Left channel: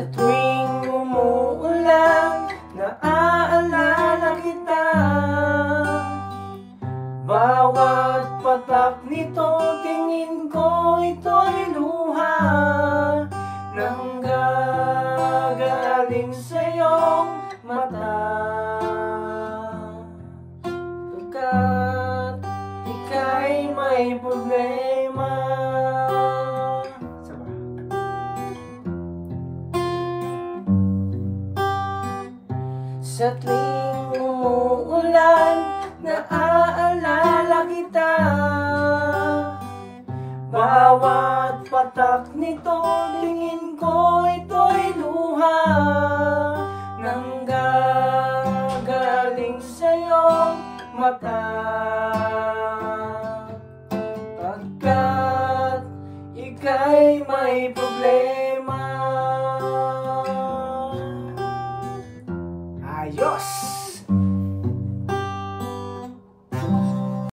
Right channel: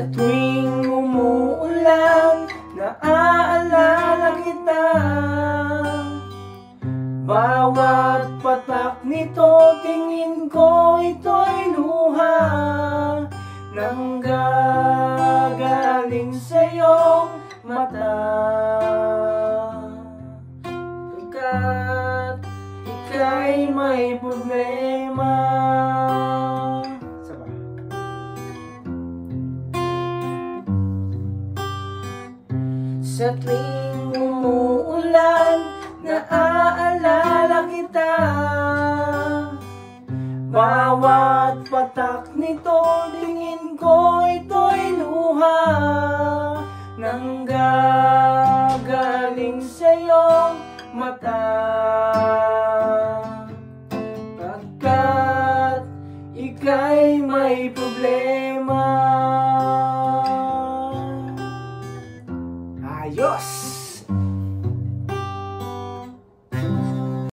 Sa tuwing umuulan, naaalala kita. Bawat patak nito, tingin ko ito'y luha nang gagaling sa iyong mata. Pagkat ika'y may problema. Sa tuwing umuulan, naaalala kita. Bawat patak nito, tingin ko ito'y luha nang gagaling sa iyong mata. Pagkat ika'y may problema. Ayos!